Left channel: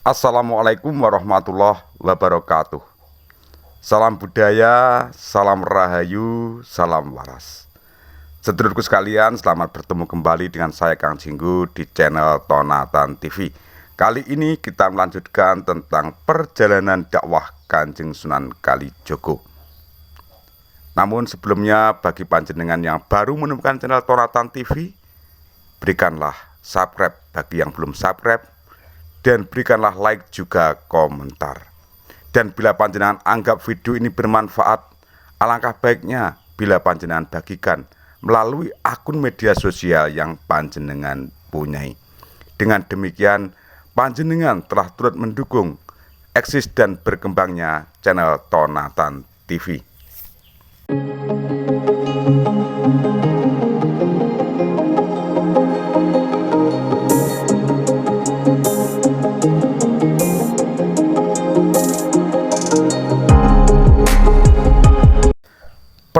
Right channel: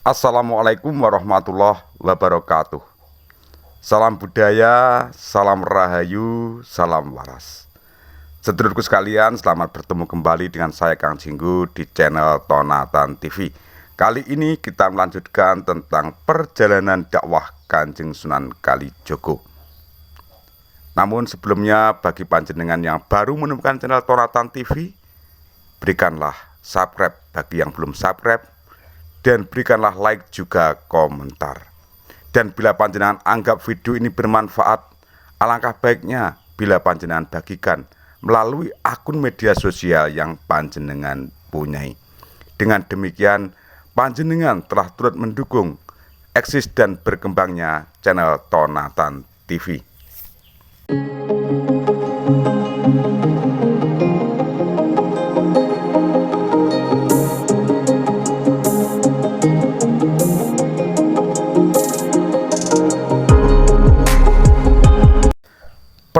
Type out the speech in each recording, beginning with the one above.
Assalamualaikum warahmatullahi wabarakatuh. Salam budaya, salam rahayu, salam waras. Sedulurku sekalian, selamat bertemu kembali dengan saya Kang Jinggu di channel Tonatan TV. Kali ini kita melanjutkan tentang perjalanan dakwah Kanjeng Sunan Kalijogo. Namun sebelumnya, bagi panjenengan yang baru menemukan channel Tonatan TV, berikanlah subscribe bagi yang belum subscribe, dan berikanlah like juga komentar. Dan bila panjenengan anggap video ini bermanfaat, alangkah baiknya bila panjenengan bagikan melalui akun media sosial yang panjenengan punyai. Dengan demikian, panjenengan telah turut mendukung eksis dan berkembangnya channel Tonatan TV.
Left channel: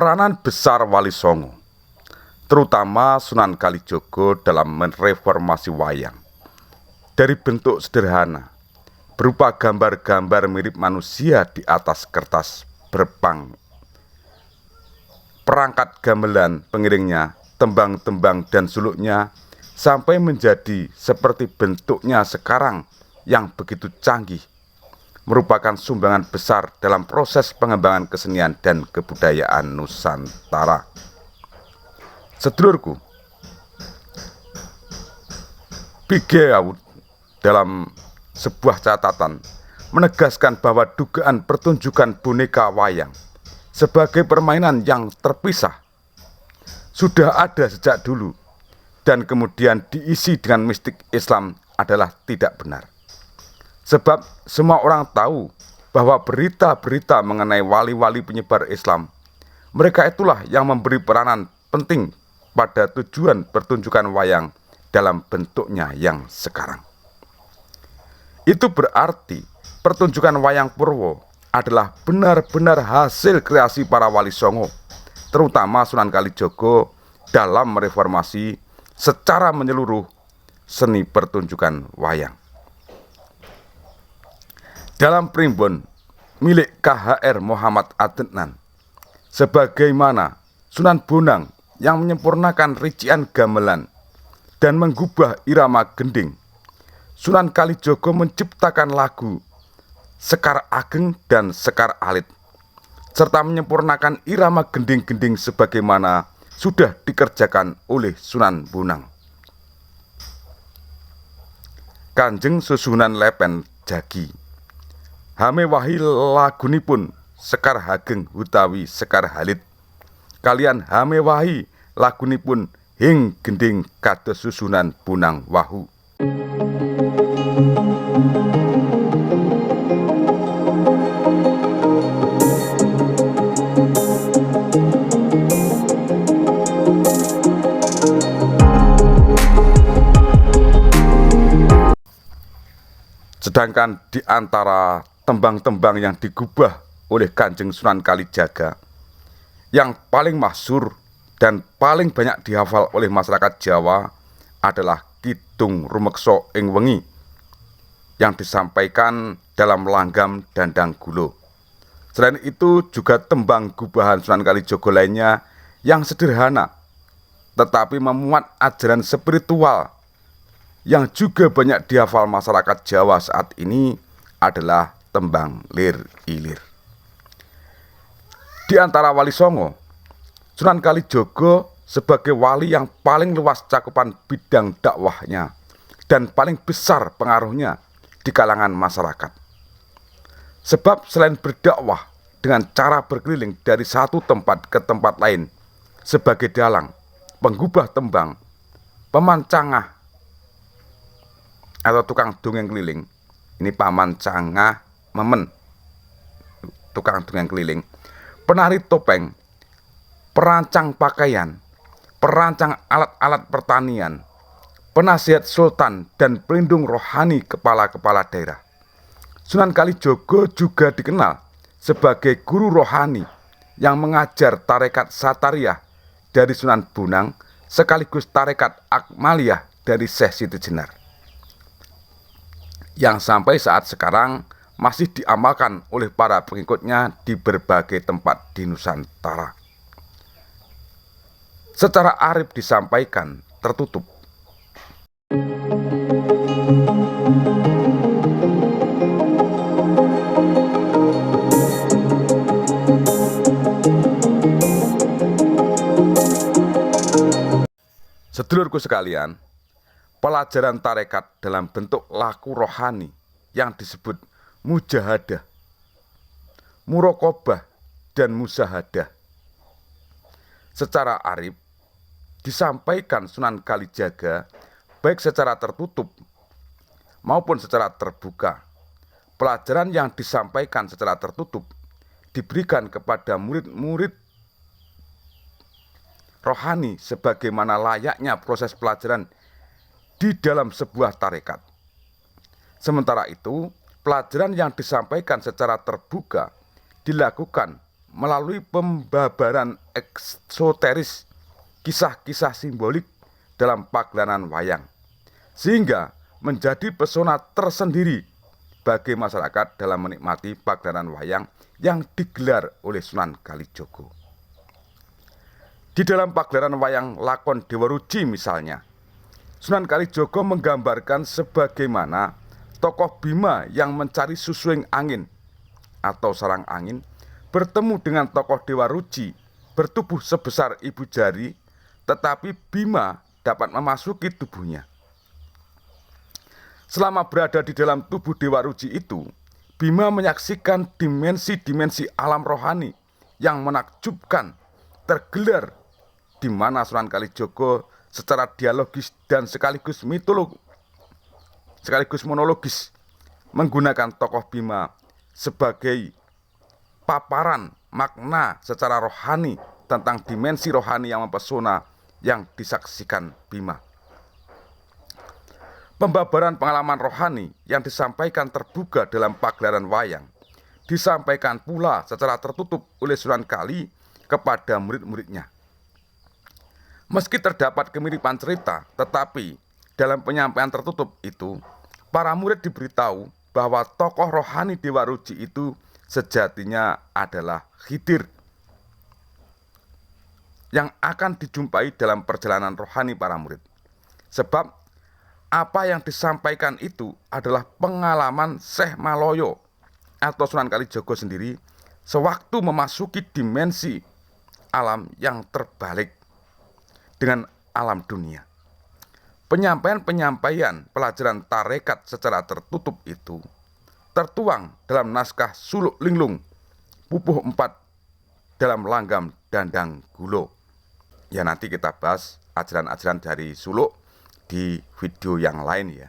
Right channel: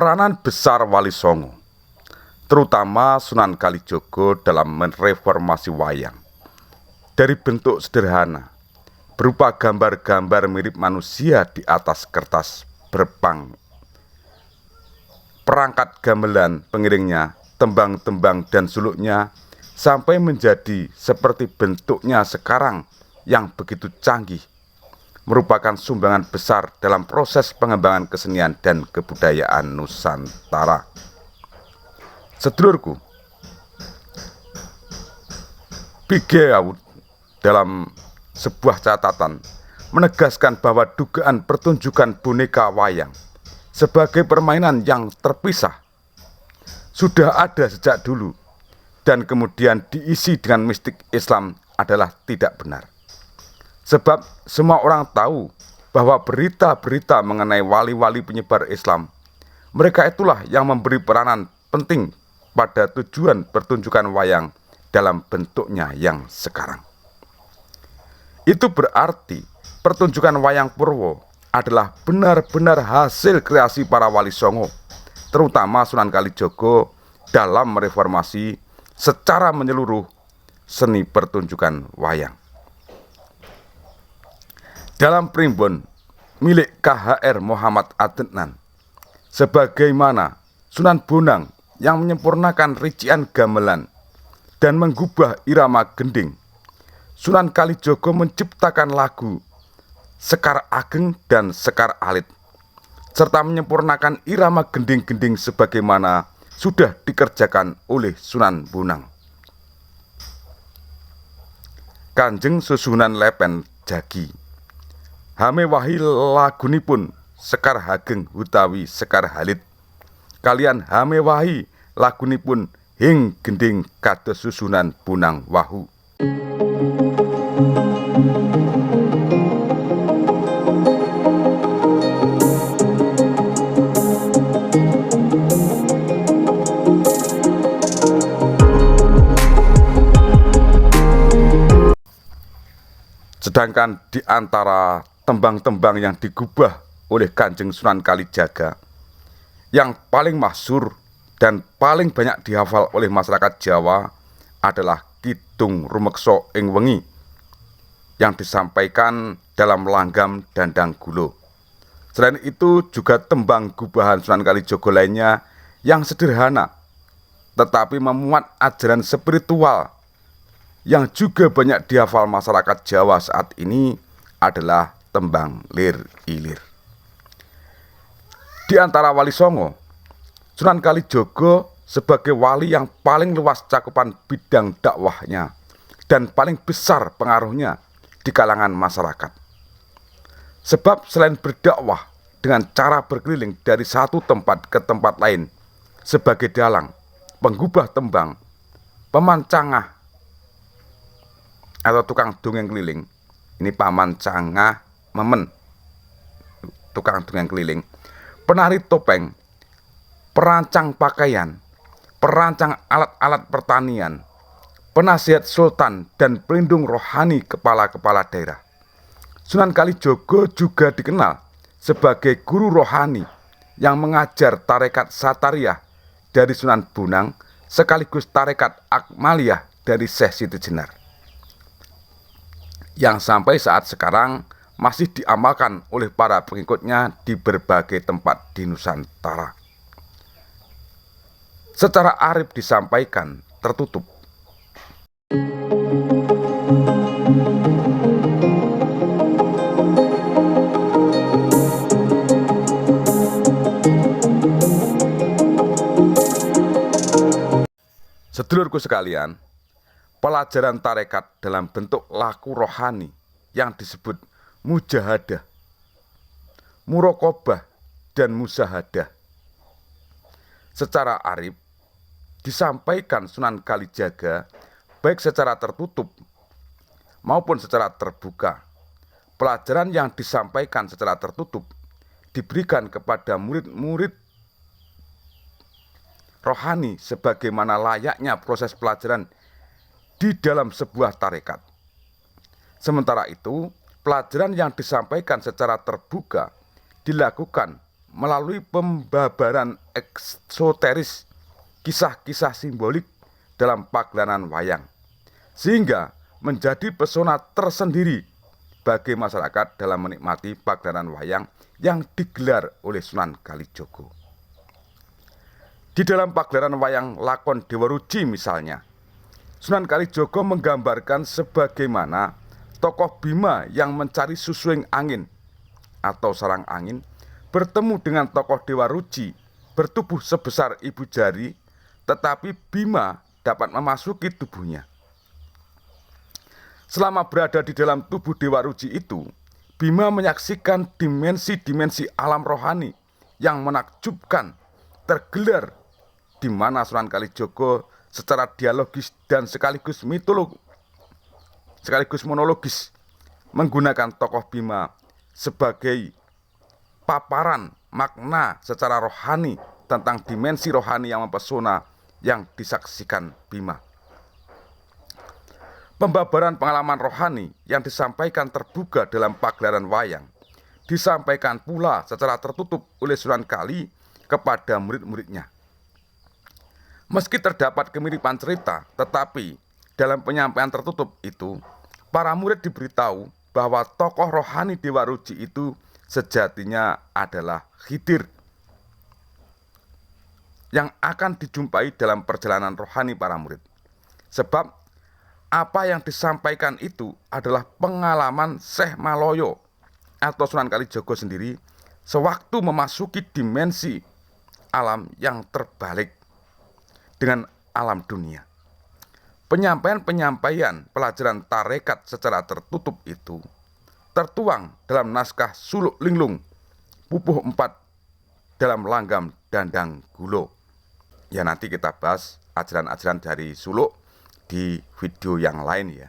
Peranan besar Wali Songo, terutama Sunan Kalijogo dalam mereformasi wayang. Dari bentuk sederhana, berupa gambar-gambar mirip manusia di atas kertas berpang, perangkat gamelan pengiringnya, tembang-tembang dan suluknya, sampai menjadi seperti bentuknya sekarang yang begitu canggih, merupakan sumbangan besar dalam proses pengembangan kesenian dan kebudayaan Nusantara. Sedulurku, Pigeaud dalam sebuah catatan menegaskan bahwa dugaan pertunjukan boneka wayang sebagai permainan yang terpisah sudah ada sejak dulu dan kemudian diisi dengan mistik Islam adalah tidak benar. Sebab semua orang tahu bahwa berita-berita mengenai wali-wali penyebar Islam, mereka itulah yang memberi peranan penting pada tujuan pertunjukan wayang dalam bentuknya yang sekarang. Itu berarti pertunjukan wayang Purwo adalah benar-benar hasil kreasi para wali Songo, terutama Sunan Kalijogo dalam mereformasi secara menyeluruh seni pertunjukan wayang. Dalam primbon milik KHR Muhammad Adnan, sebagaimana Sunan Bonang yang menyempurnakan rician gamelan dan menggubah irama gending, Sunan Kalijogo menciptakan lagu Sekar Ageng dan Sekar Alit, serta menyempurnakan irama gending-gending sebagaimana sudah dikerjakan oleh Sunan Bonang. Kanjeng Susunan Lepen Jagi Hamewahi lagunipun Sekar Hageng utawi Sekar Halit, kalian hamewahi lagunipun Hing Gending kados Susunan Bonang Wahu. Sedangkan di antara tembang-tembang yang digubah oleh Kanjeng Sunan Kalijaga, yang paling masyhur dan paling banyak dihafal oleh masyarakat Jawa adalah Kidung Rumeksa ing Wengi yang disampaikan dalam langgam Dandang Gulo. Selain itu juga tembang gubahan Sunan Kalijogo lainnya yang sederhana tetapi memuat ajaran spiritual yang juga banyak dihafal masyarakat Jawa saat ini adalah tembang Lir Ilir. Di antara wali Songo, Sunan Kalijogo sebagai wali yang paling luas cakupan bidang dakwahnya dan paling besar pengaruhnya di kalangan masyarakat. Sebab selain berdakwah dengan cara berkeliling dari satu tempat ke tempat lain sebagai dalang, penggubah tembang, pemancangah atau tukang dongeng keliling, ini pamancangah memen, tukang dongeng keliling, penari topeng, perancang pakaian, perancang alat-alat pertanian, penasihat sultan, dan pelindung rohani kepala-kepala daerah. Sunan Kalijogo juga dikenal sebagai guru rohani yang mengajar tarekat Satariyah dari Sunan Bonang sekaligus tarekat Akmaliyah dari Syekh Siti Jenar. yang sampai saat sekarang masih diamalkan oleh para pengikutnya di berbagai tempat di Nusantara. Secara arif disampaikan tertutup. Sedulurku sekalian, pelajaran tarekat dalam bentuk laku rohani yang disebut mujahadah, muraqabah, dan musahadah secara arif disampaikan Sunan Kalijaga baik secara tertutup maupun secara terbuka. Pelajaran yang disampaikan secara tertutup diberikan kepada murid-murid rohani sebagaimana layaknya proses pelajaran di dalam sebuah tarekat. Sementara itu, pelajaran yang disampaikan secara terbuka dilakukan melalui pembabaran eksoteris kisah-kisah simbolik dalam pagelaran wayang, sehingga menjadi pesona tersendiri bagi masyarakat dalam menikmati pagelaran wayang yang digelar oleh Sunan Kalijaga. Di dalam pagelaran wayang lakon Dewa Ruci misalnya, Sunan Kalijaga menggambarkan sebagaimana tokoh Bima yang mencari susuing angin atau sarang angin bertemu dengan tokoh Dewa Ruci bertubuh sebesar ibu jari, tetapi Bima dapat memasuki tubuhnya. Selama berada di dalam tubuh Dewa Ruci itu, Bima menyaksikan dimensi-dimensi alam rohani yang menakjubkan tergelar, di mana Sunan Kalijaga secara dialogis dan sekaligus monologis menggunakan tokoh Bima sebagai paparan makna secara rohani tentang dimensi rohani yang mempesona yang disaksikan Bima. Pembabaran pengalaman rohani yang disampaikan terbuka dalam pagelaran wayang disampaikan pula secara tertutup oleh Sunan Kali kepada murid-muridnya. Meski terdapat kemiripan cerita, tetapi dalam penyampaian tertutup itu, para murid diberitahu bahwa tokoh rohani Dewa Ruci itu sejatinya adalah Khidir yang akan dijumpai dalam perjalanan rohani para murid. Sebab apa yang disampaikan itu adalah pengalaman Syekh Maloyo atau Sunan Kalijaga sendiri sewaktu memasuki dimensi alam yang terbalik dengan alam dunia. Penyampaian pelajaran tarekat secara tertutup itu tertuang dalam naskah Suluk Linglung Pupuh 4 dalam Langgam Dandang Gulo. Ya, nanti kita bahas ajaran-ajaran dari Suluk di video yang lain ya.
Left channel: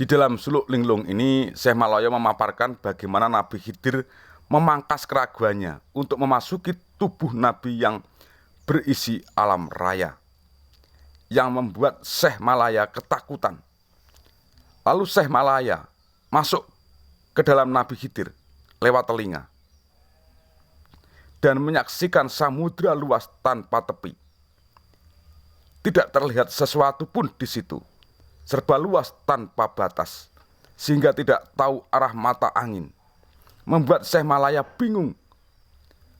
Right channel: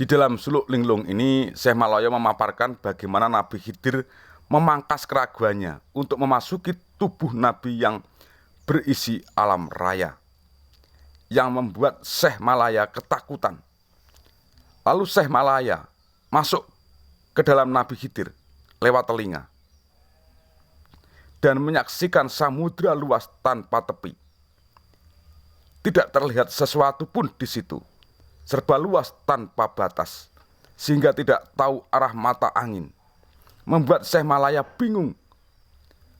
Di dalam Suluk Linglung ini Syekh Maloyo memaparkan bagaimana Nabi Khidir memangkas keraguannya untuk memasuki tubuh Nabi yang berisi alam raya, yang membuat Syekh Malaya ketakutan. Lalu Syekh Malaya masuk ke dalam Nabi Khidir lewat telinga dan menyaksikan samudra luas tanpa tepi. Tidak terlihat sesuatu pun di situ, serba luas tanpa batas, sehingga tidak tahu arah mata angin. Membuat Syekh Malaya bingung.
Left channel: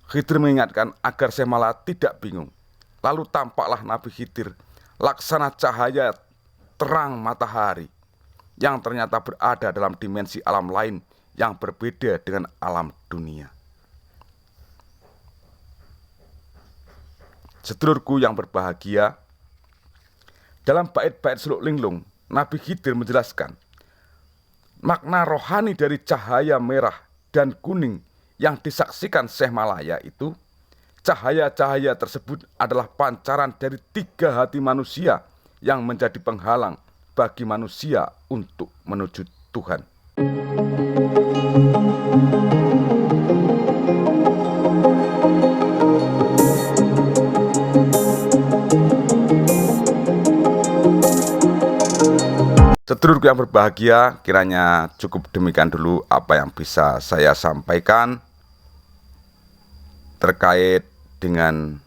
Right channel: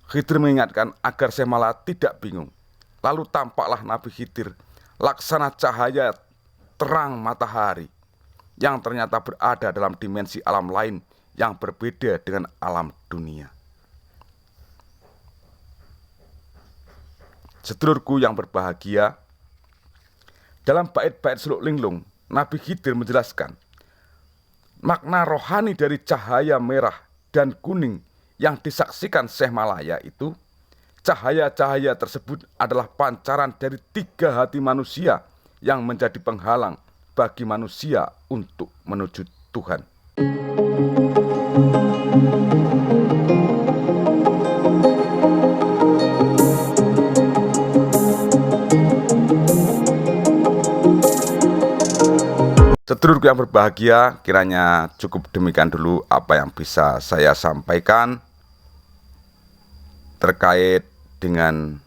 Khidir mengingatkan agar Syekh Malaya tidak bingung. Lalu tampaklah Nabi Khidir laksana cahaya terang matahari yang ternyata berada dalam dimensi alam lain yang berbeda dengan alam dunia. Sedulurku yang berbahagia, dalam bait-bait Suluk Linglung, Nabi Khidir menjelaskan makna rohani dari cahaya merah dan kuning yang disaksikan Syekh Malaya itu. Cahaya-cahaya tersebut adalah pancaran dari 3 hati manusia yang menjadi penghalang bagi manusia untuk menuju Tuhan. Sedulurku yang berbahagia, kiranya cukup demikian dulu apa yang bisa saya sampaikan terkait dengan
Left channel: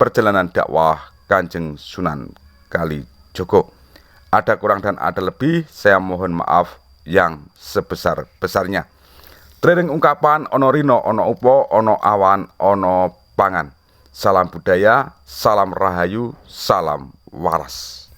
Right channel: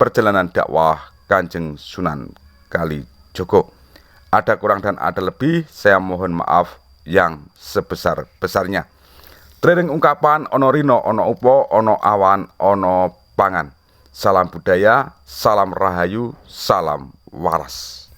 perjalanan dakwah Kanjeng Sunan Kalijaga. Ada kurang dan ada lebih, saya mohon maaf yang sebesar-besarnya. Training ungkapan ono rino, ono upo, ono awan, ono pangan. Salam budaya, salam rahayu, salam waras.